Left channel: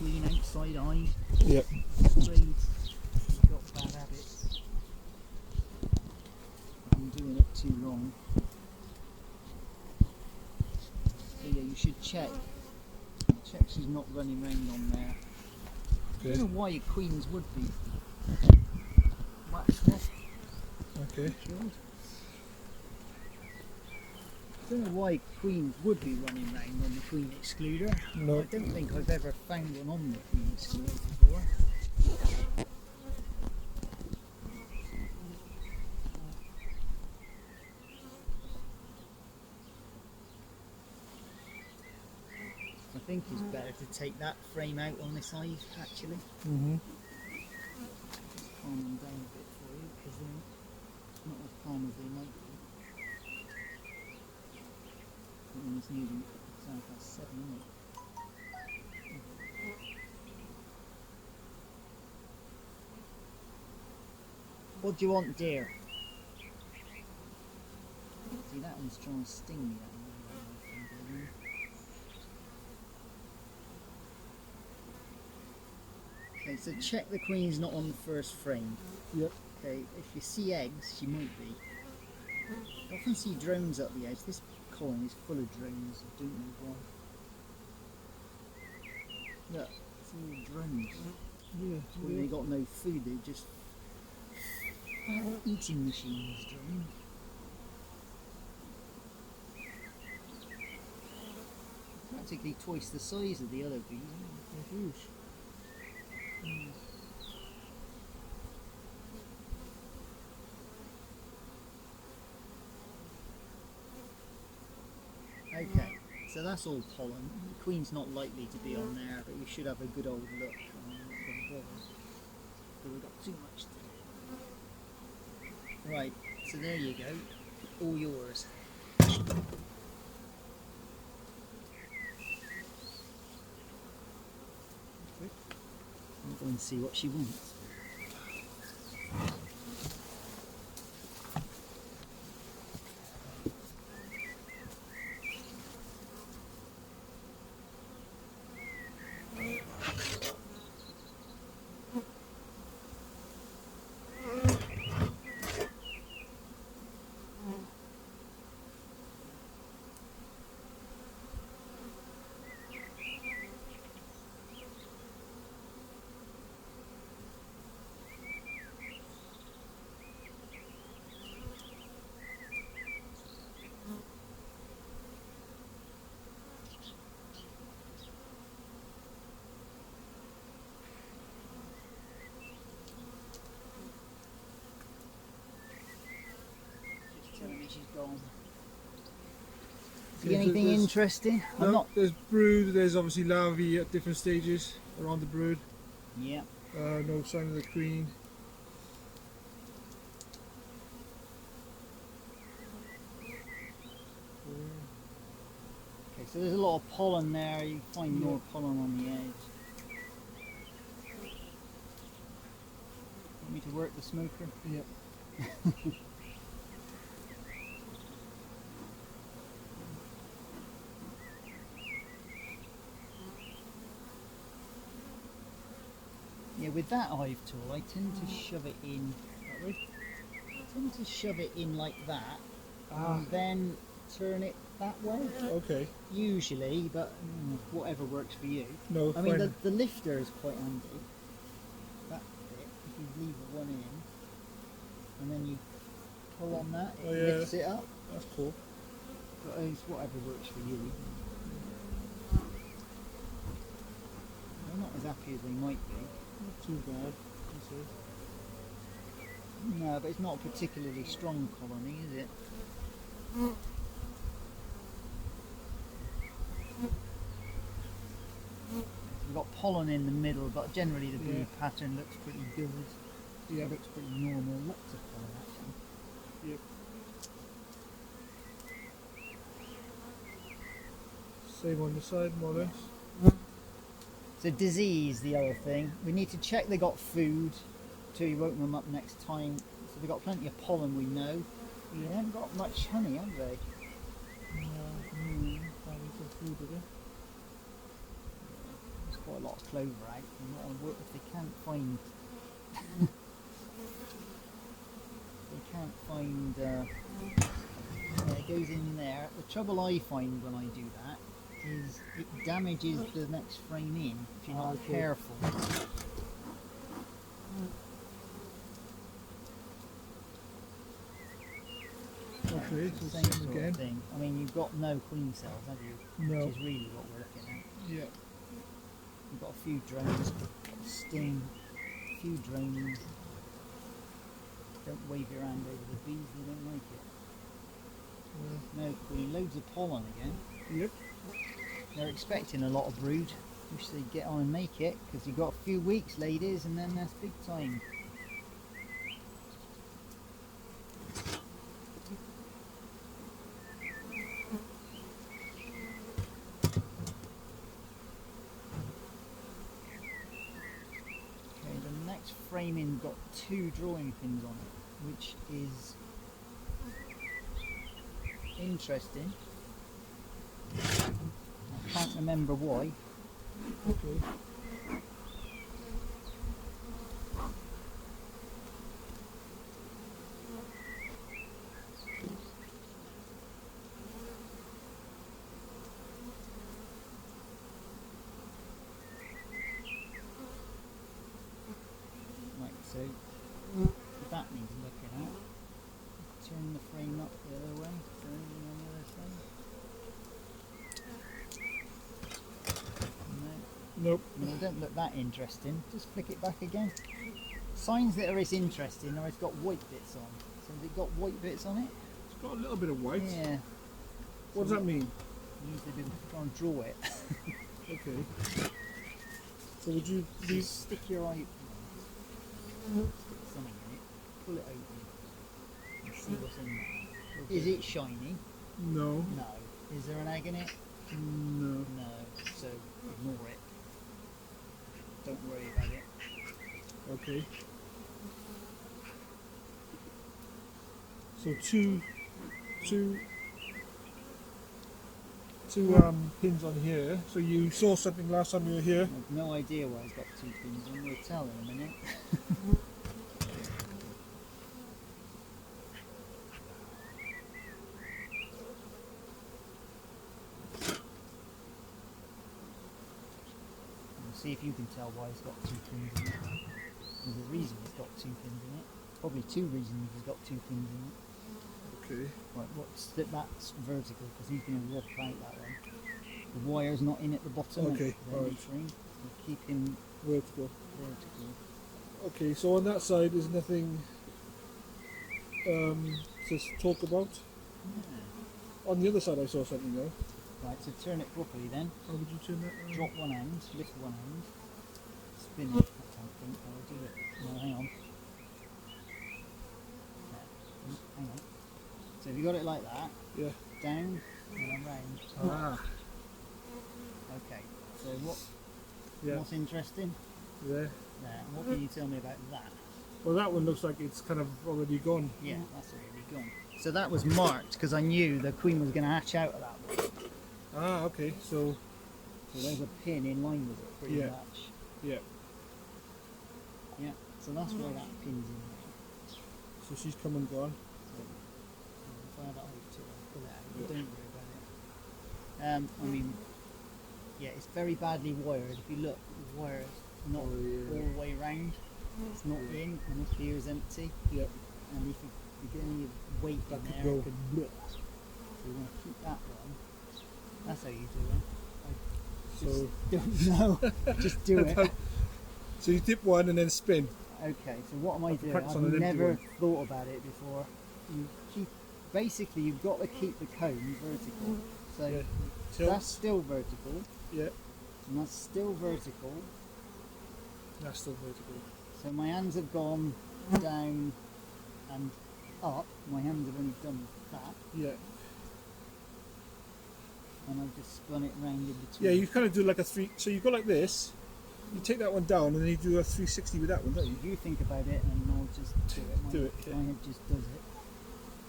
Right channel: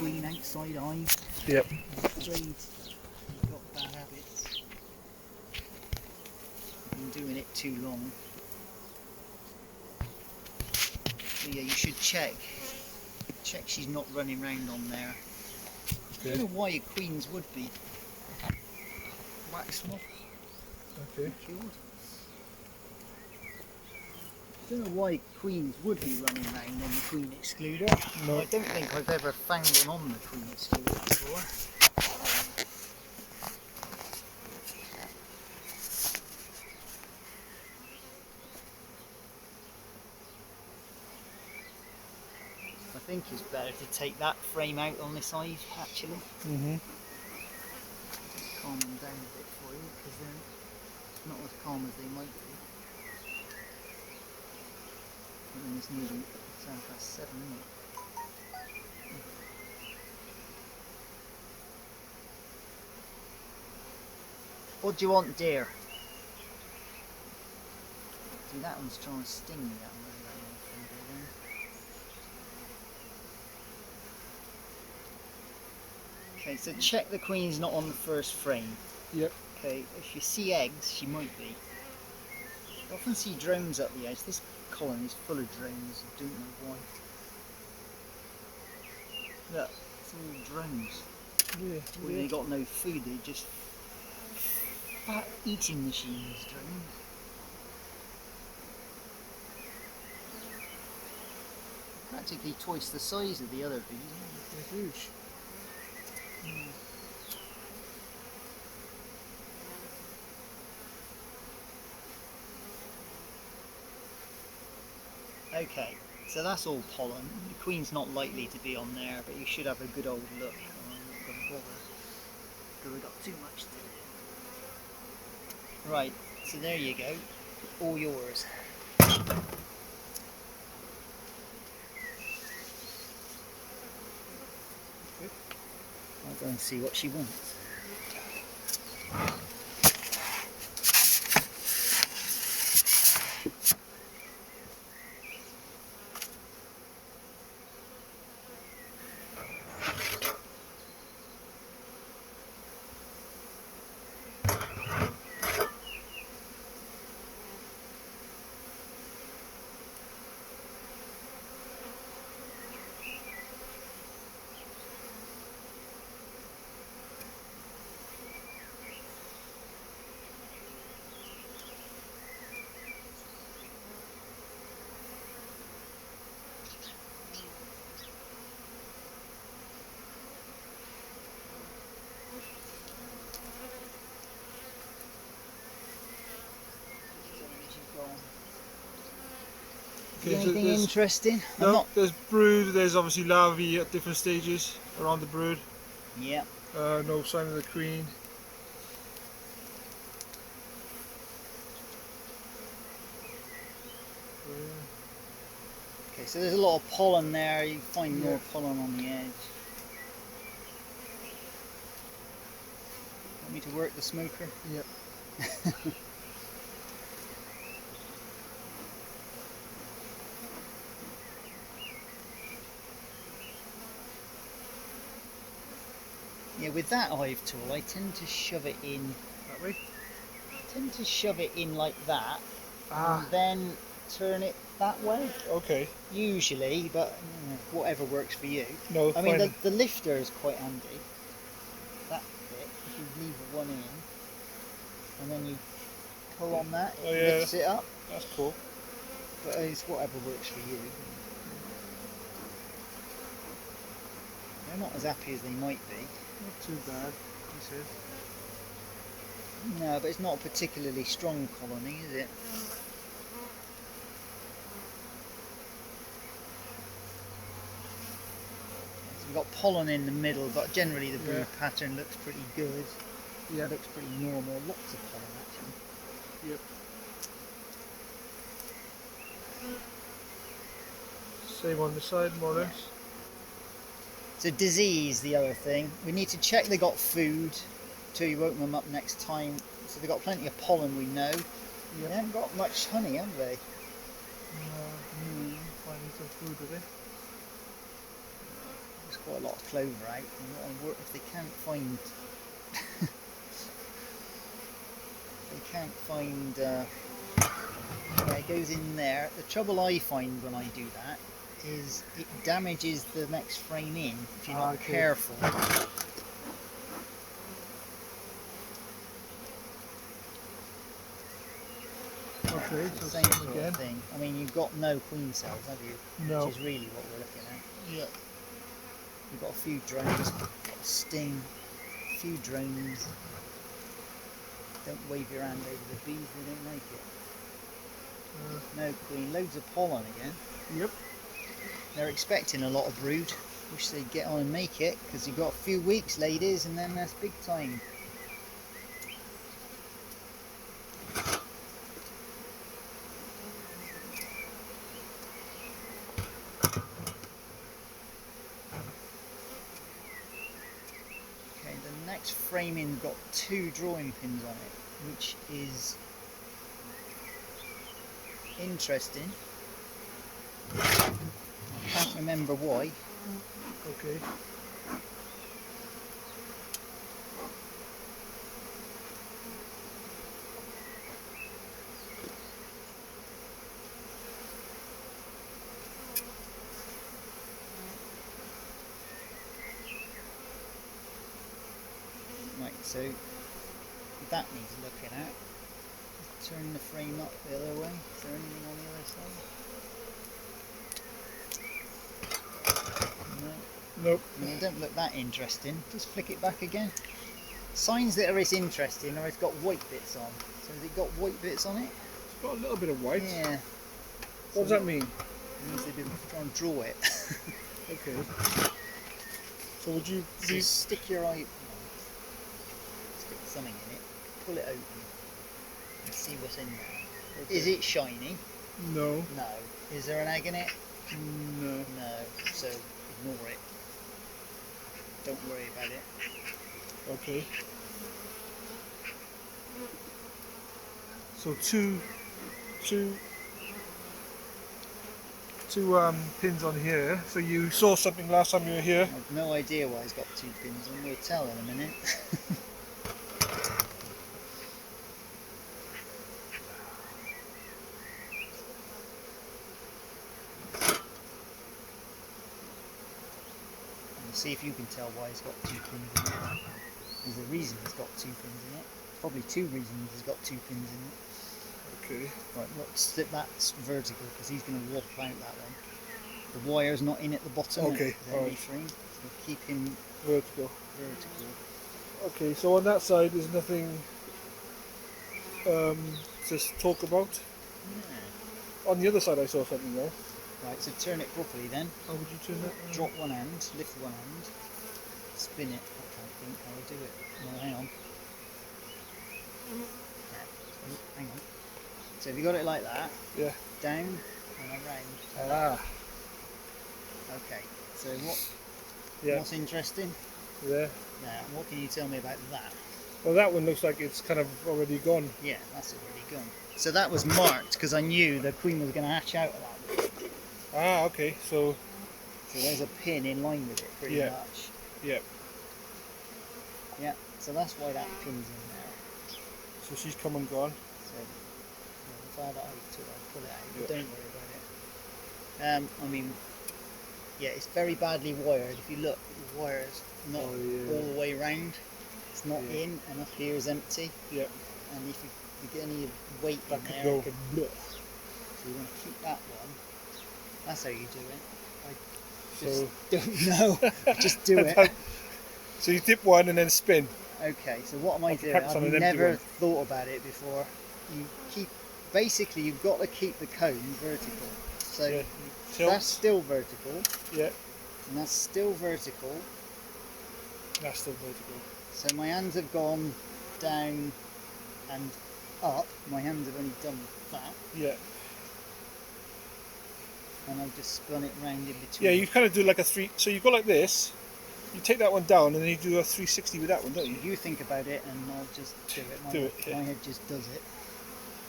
queen outside eyes. Yep. I'm afraid you've got bad habits. You've been doing it too long. So yeah, you should check. Check she's not running round on there. Okay. I don't know why your queens would be. Wax them off. Okay. I don't know why queens would be running around on the queen excluder. No. I don't think I've ever found one on the queen excluder before. I think it's better to take that frame out on this side actually. Mm-hmm. Just calm them down a bit for you because they're not as calm as they might be. And then it's nearly 7:07, isn't it? What do you want, dear? See, that one's trying to sting me. That one. Okay, so check the queen's not on the first frame. Yep. Okay, if you see eggs, she might be. I often see drones up the edge. This colony is full of drones. I don't know why. Look, it's all drones. Yeah. Well, they got no food. They just eating machines. Drones. Practically twice the size of the other bees. They're huge. Okay, so that's all pollen. The queen's not likely to be on there, but you should have a good old look. I'm not going to bother, because we've got too much to do. Right, so there you go. All yours. I'll go and see what she wants. Okay, so Anything there's- interesting? I'm No, not. there's brood, there's obviously larvae at different stages around the brood. Yeah. No sign of the queen. Okay, so there's a lot of pollen there. You find more pollen on the edge. Want me to work the smoker? Yep. Yeah, with that hive tool, I tend to shove it in. That way? I tend to shove it in like that, Ah, and then turn it that way. okay. Usually, but whatever works for you. No, I mean, fine. the lifter is quite handy. That bit, if you leave one in, and then you pull on that, it Oh, yeah. lifts it up. That's cool. But it's whatever works for you. They're not as happy as they might be. Not too bad, he says. No, but it's not a particularly strong colony, is it? So we've got pollen in the middle, but generally the brood pattern looks pretty good. Yeah. It looks pretty normal. Lots of pollen actually. Yep. Same on the side, more or less. So disease, the other thing. We need to check they got food till you open them up next time. So they've got plenty of pollen, we know. They haven't got much honey, have they? Finding some food with it. It's quite a lot of clover out. And what I work if they can't find yeah, it goes in there. The trouble I find when I do that is it damages the next frame in if you're not careful. Okay, so Same same sort again. of thing. I mean, you've got no queen cells, have you? No. Which is really what we're looking at. Yeah. You've got a few drones, got a sting, a few drones. Don't wave your hand over the bees, they don't like it. No queen, loads of pollen again. Yep. They're expecting a lot of brood. Wish they'd get on and make it, because you've got a few weeks, ladies, and then that's big time. Okay, the next framing got 2 drawing pins on it, which is interesting. I can't remember why. Okay. Right, so that needs looking at. Just turn the frame up the other way. Is there anything on the other side? No. Nope. I mean, it don't look that interesting. Just flick it back again. Signs that it's interesting are it's got white bits on. So has it got white bits on it? It's got a little bit of white. Yeah. What does that mean? It means they didn't try and draw it. Okay. So would you So be... stick your eye, stick something in it, pull it open, and see what's in there. Okay. Is it shiny? No. No. Is there an egg in it? No. No. So ignore it. Don't worry about it. Okay. So two pins on here. So you saw something last time you were here. I've no idea why it's got 2 pins on. We'll tell in a minute. And see if you can tell why it's got 2 pins in it. There's a reason it's got 2 pins in it. Probably 2 reasons it's got 2 pins in it. Okay. Right, that's vertical because he's going to walk out that one. The wire's not in at the bottom. Okay, alright. Frame, so keep him Vertical. vertical. Okay, so on that side there's nothing to talk about. Yeah. On the other side I saw something though. Right, so turn it properly then. How would you turn that? Drop one hand, lift one hand, spin it. I can't think how I do it. No, hang on. Yeah. Hang on. So if you got it like that, Yeah. down and around. Ah. Okay. So Yeah. what's interesting? There. Now, what can you tell me about that? Well, that one looks like it's kind of already gone. Yeah, that's already gone. So that was marked because I knew the queen was going to hatch out of that one. Ah, okay. So there's a pin in line with it, pretty Yeah. much. yeah. Yeah. So that's why that pin's in there. So she's come and gone. So if I had it, I'd pull it out. But Yeah. don't worry about it. I mean, yeah, it's very badly wired. If you look, the wire is not Oh, yeah. all the way round. It's not Yeah. in, and up here is empty. Yeah. And if you get any weight That in could there, go. it could blur. So you want to keep that one. That's how you do it. So Don't know. Just do it. so you dip one and then spin. Okay, so what am I Like a doing? practice on I've an empty never one. thought about it before. You keep, basically you've got to keep the cone vertical. So Yeah. that's Tilt. still vertical, Yeah. and that's still vertical. That's still vertical. So my hands have gone down and up. My hands have only done that, Yeah. and I've just spun it round in between. Yeah. You kind of do like a three. So you go like this. You take that one down and then you do a 360 with that one, don't you? You think about it, and I'll just do it. Do it, yeah. My head just does it.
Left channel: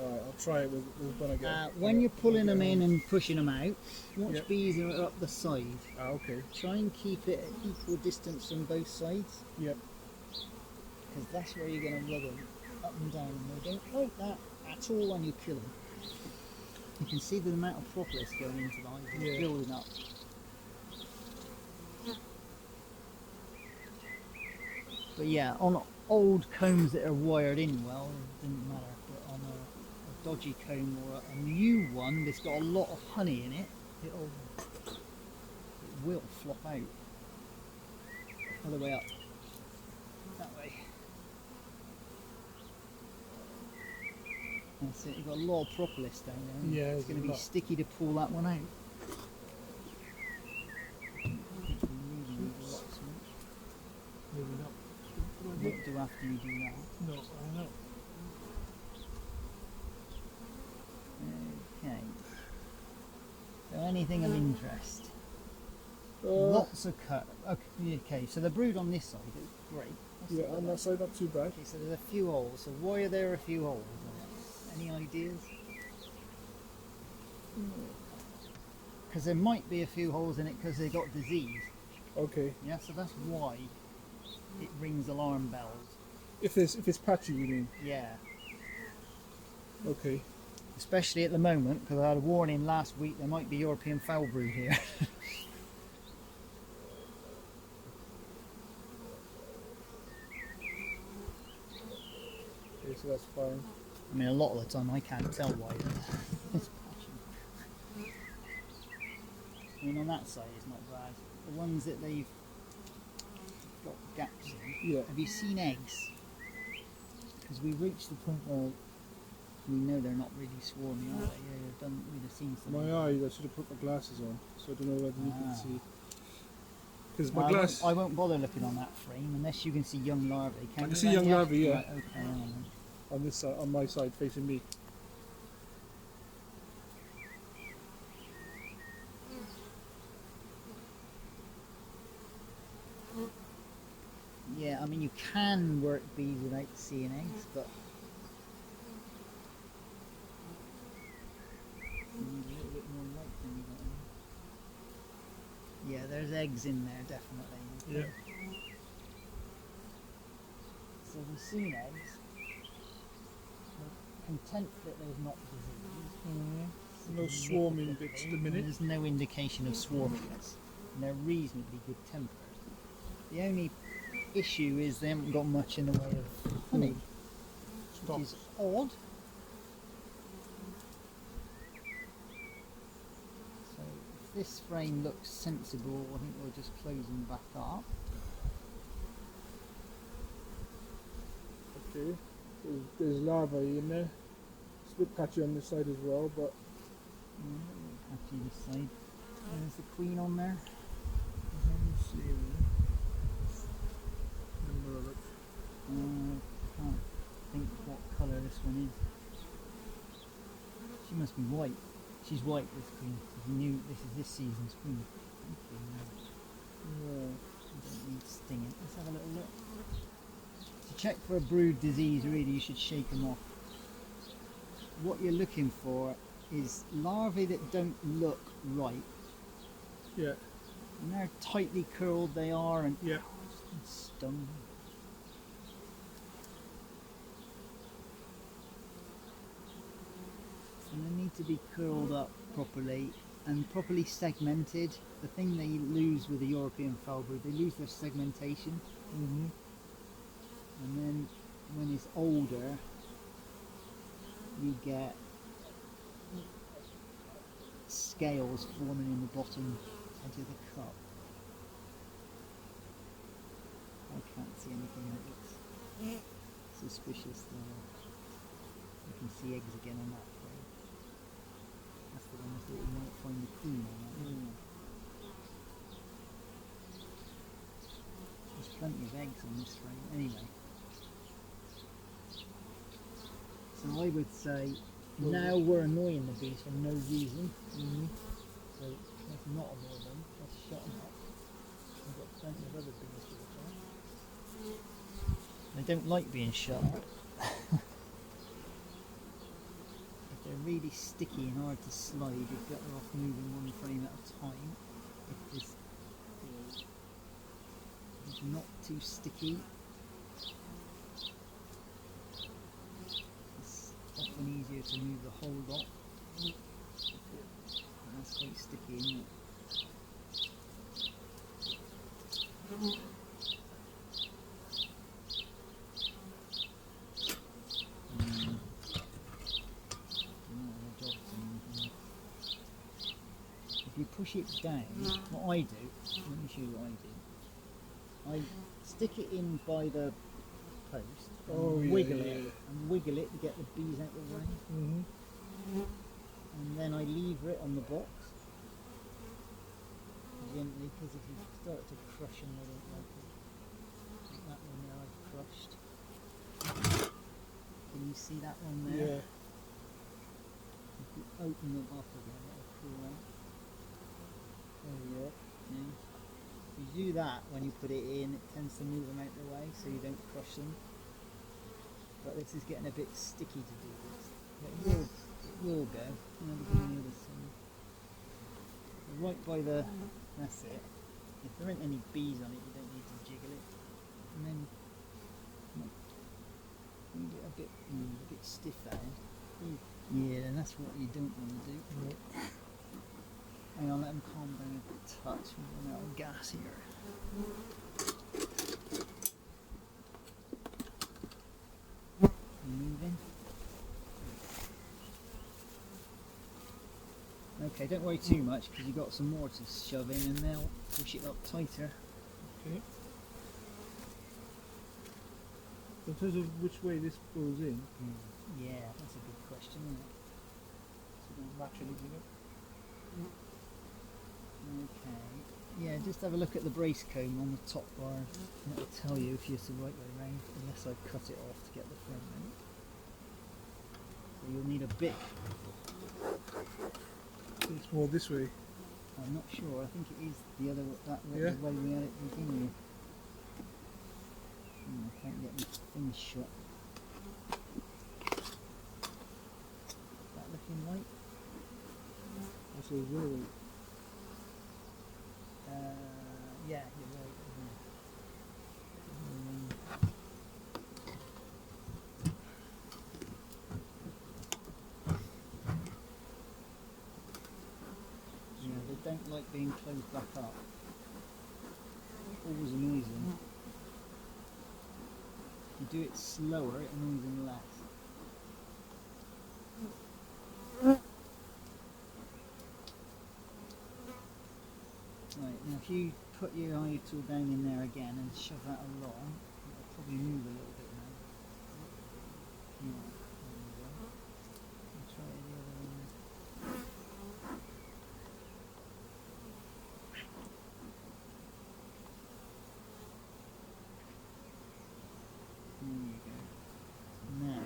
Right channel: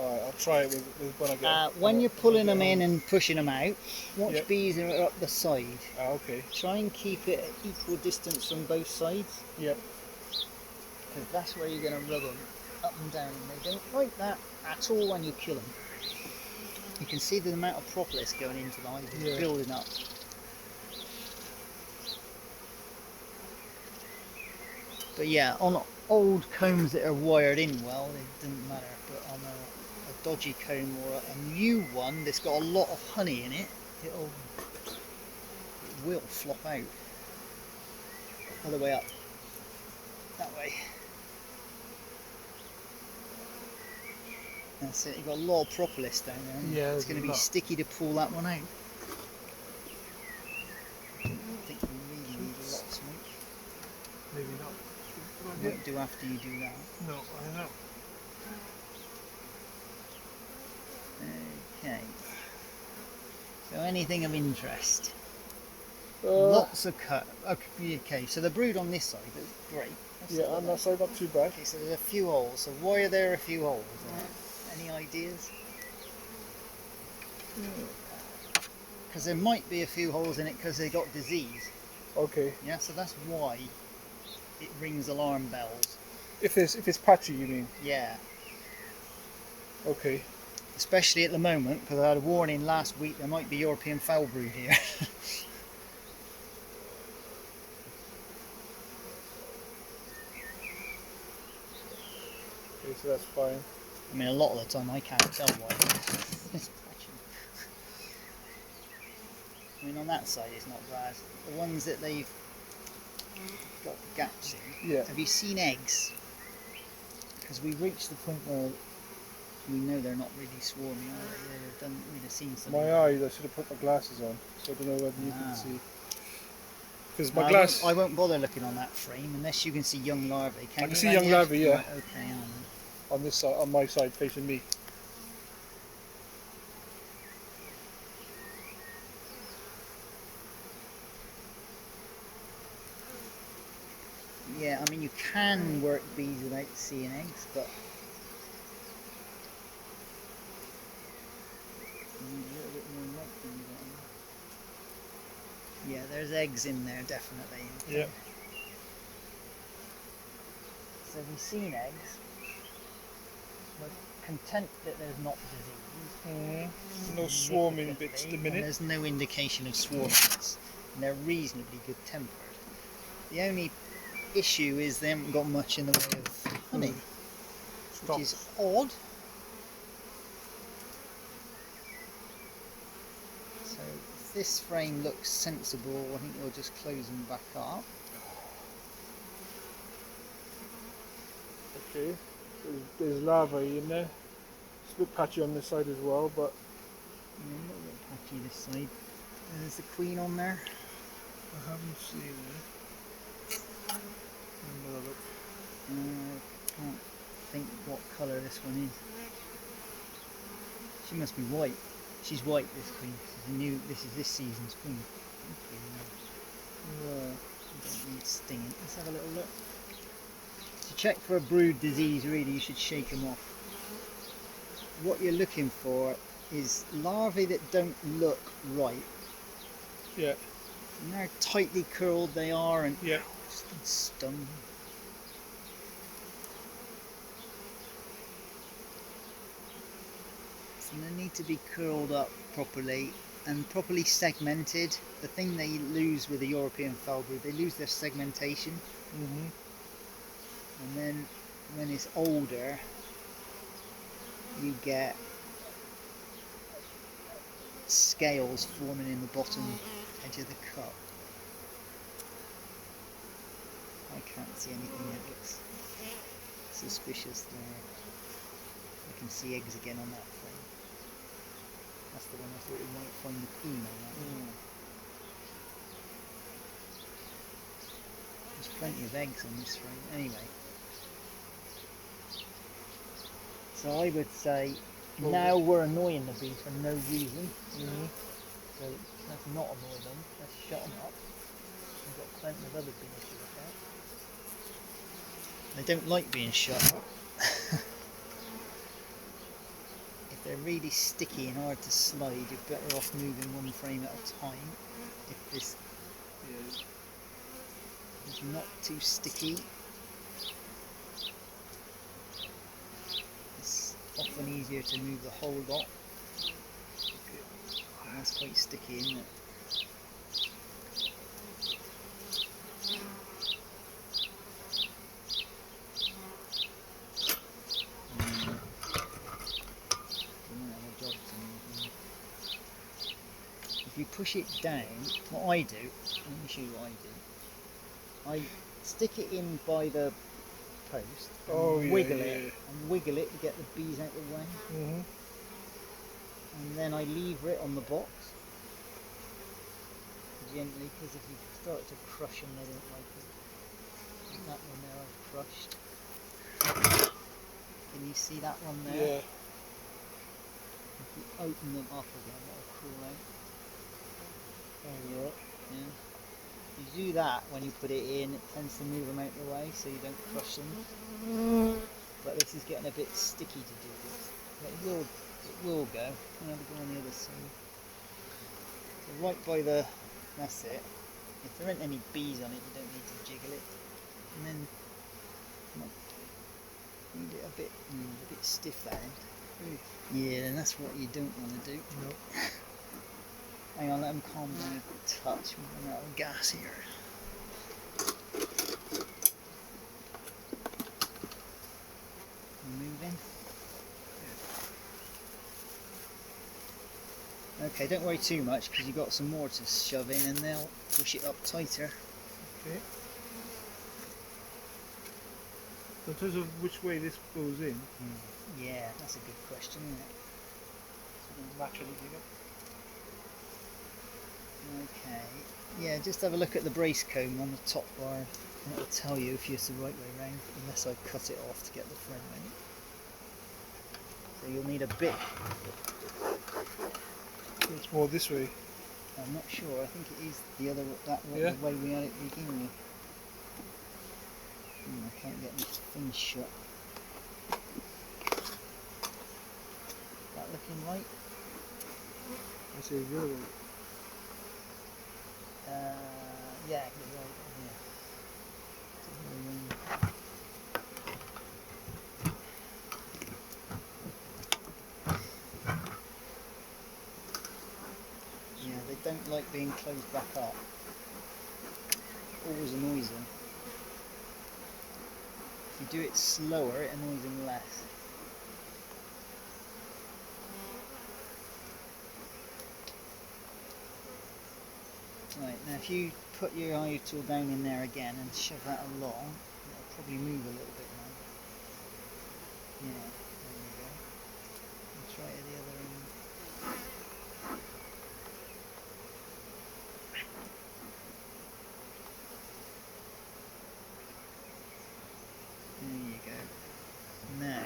Alright, I'll try it with when I get. When you're pulling them in and pushing them out, watch Yep. bees are up the side. Okay. Try and keep it at equal distance from both sides, Yep. because that's where you're going to rub them up and down. And they don't like that at all when you kill them. You can see the amount of propolis going into the hive, Yeah. building up. But yeah, on old combs that are wired in well, it doesn't matter. But on a dodgy comb or a new one that's got a lot of honey in it, it will flop out. Other way up. That way. That's it, you've got a lot of propolis down there. And Yeah, it's going to be lot. sticky to pull that one out. I think you really need a lot of smoke. Maybe not. What do after you do that? No, I don't know. Okay. So anything of interest? Lots. Lots of cut. Okay, so the brood on this side, that's great. That's Yeah, on that side, not too bad. Okay, so there's a few holes. So why are there a few holes in it? Any ideas? Because there might be a few holes in it because they got disease. Okay. Yeah, so that's why it rings alarm bells. If it's patchy, you mean? Yeah. Okay. Especially at the moment, because I had a warning last week there might be European foul brood here. Okay, so that's fine. I mean, a lot of the time I can't tell why. It's patchy. I mean, on that side it's not bad. The ones that they've got gaps in. Yeah. Have you seen eggs? Because we reached the point where we know they're not really swarming. We'd have seen some. My eyes, I should have put my glasses on, so I don't know whether you can see. Because my No, glass. I won't bother looking on that frame unless you can see young larvae. I can you, see young Andy? larvae, yeah. Right, okay, On this side, on my side, facing me. yeah, I mean you can work bees without seeing eggs, but you need a little bit more light than you get. Yeah, there's eggs in there definitely. Yeah. So we've seen eggs. We're content that there's not disease. No swarming bits at the And minute. there's no indication of swarming bits. And they're reasonably good tempered. The only issue is they haven't got much in the way of honey, Stop. which is odd. So if this frame looks sensible, I think we'll just close them back up. Okay. There's larvae in there. It's a bit patchy on this side as well, but A little bit patchy this side. And there's the queen on there. I haven't seen it. Another look. Can't think what colour this one is. She must be white. She's white, this queen. This is this season's queen. No. You don't need stinging. Let's have a little look. To check for a brood disease, really, you should shake them off. What you're looking for is larvae that don't look right. Yeah. And how tightly curled they are and Yeah. just stung. So they need to be curled up properly and properly segmented. The thing they lose with the European foul brood, they lose their segmentation. And then when it's older, you get scales forming in the bottom edge of the cup. I can't see anything that looks suspicious there. I can see eggs again on that frame. That's the one I thought we might find the queen on that. There's plenty of eggs on this frame anyway. So I would say now we're annoying the bees for no reason. So let's not annoy them, let's shut them up. We've got plenty of other bees to look at. They don't like being shut up. really sticky and hard to slide, you're better off moving one frame at a time. If this is not too sticky, it's often easier to move the whole lot. And that's quite sticky, isn't it? If you push it down, what I do, let me show you what I do. I stick it in by the post and wiggle it to get the bees out of the way. And then I lever it on the box gently, because if you start to crush them, they don't like it. Like that one there I've crushed. Can you see that one there? Yeah. If you open them up again, it'll crawl out. Alright. Yeah. You do that when you put it in, it tends to move them out of the way so you don't crush them. But this is getting a bit sticky to do this. But it will go. I'm going to go on the other side. So right by the, that's it. If there aren't any bees on it, you don't need to jiggle it. And then need it a bit stiff there. Yeah, and that's what you don't want to do. Nope. Hang on, let them calm down a touch. We're running out of gas here. Moving. Okay, don't worry too much because you've got some more to shove in and they'll push it up tighter. Okay. So in terms of which way this goes in, Yeah, that's a good question, isn't it? so it doesn't match anything up. Okay. Yeah, just have a look at the brace comb on the top bar and it'll tell you if it's the right way round, unless I cut it off to get the frame out. So you'll need a bit. It's more this way. I'm not sure. I think it is the other the way we had it beginning with. I can't get these things shut. That looking right? I say the other way. Yeah, you're right. Yeah, they don't like being closed back up. Always annoys them. If you do it slower, it annoys them less. Right, now if you put your eye tool down in there again and shove that along, it'll probably move a little bit now. Yeah, there you go. And try it at the other end. There you go. Now,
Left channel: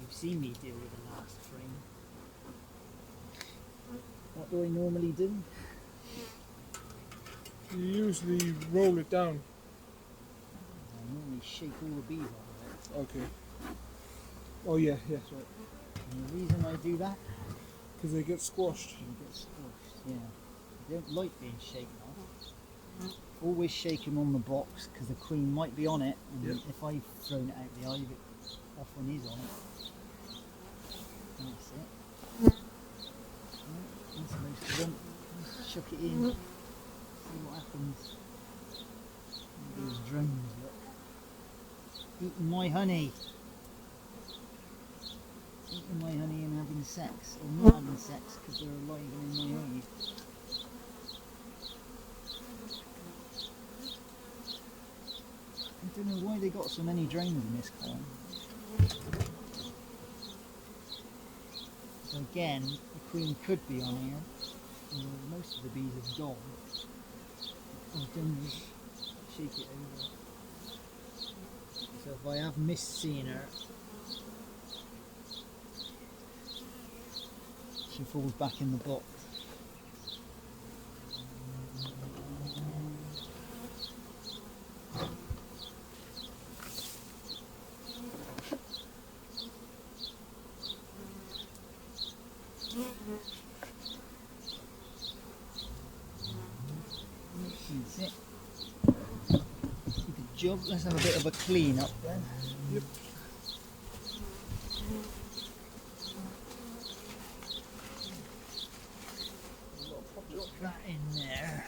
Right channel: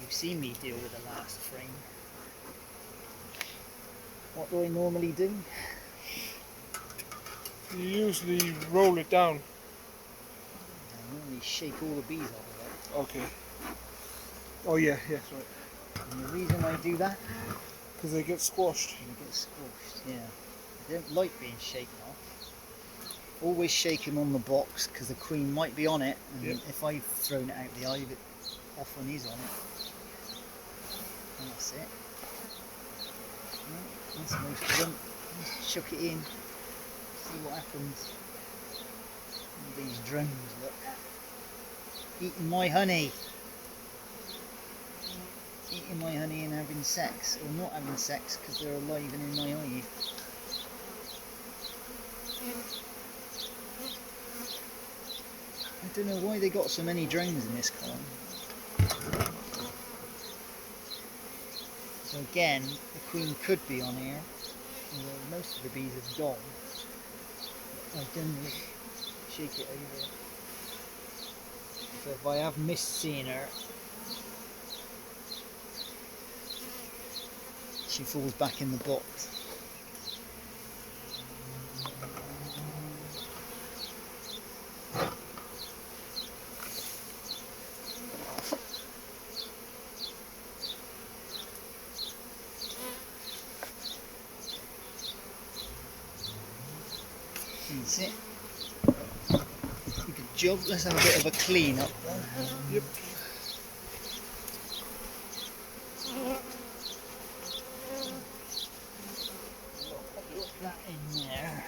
you've seen me deal with the last frame. What do I normally do? You usually roll it down. I normally shake all the bees off of it. Okay. Oh yeah, yes, right. And the reason I do that? Because they get squashed. They get squashed, yeah. They don't like being shaken off. Always shake them on the box because the queen might be on it, and if I've thrown it out the hive, it often is on it. And that's it. Right, that's most of them. Just chuck it in. See what happens. These drones, look. Eating my honey. Eating my honey and having sex. Or not having sex because they're alive and in my hive. I don't know why they got so many drones in this column. So again, the queen could be on here. Although most of the bees have gone. I've done is shake it over. So if I have missed seeing her, she falls back in the box. That's it. Good job. Let's have a bit of a clean up then. Yep. Put that in there.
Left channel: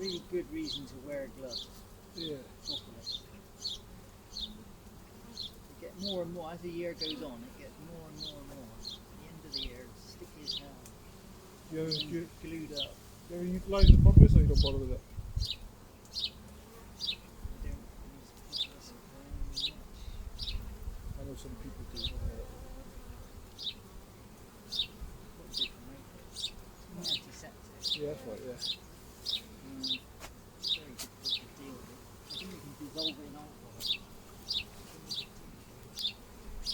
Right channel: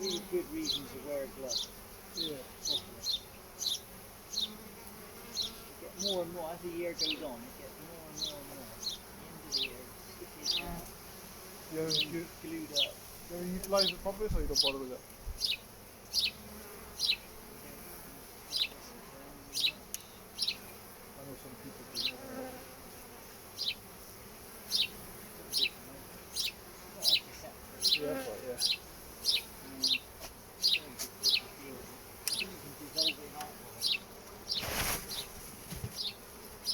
Really good reason to wear gloves. Yeah. Properly. You get more and more as the year goes on. It gets more and more and more. At the end of the year, it's sticky as hell. You Glued up. utilise the purpose or you don't bother with it? I know some people do. Not antiseptic. Yeah, that's right, yeah.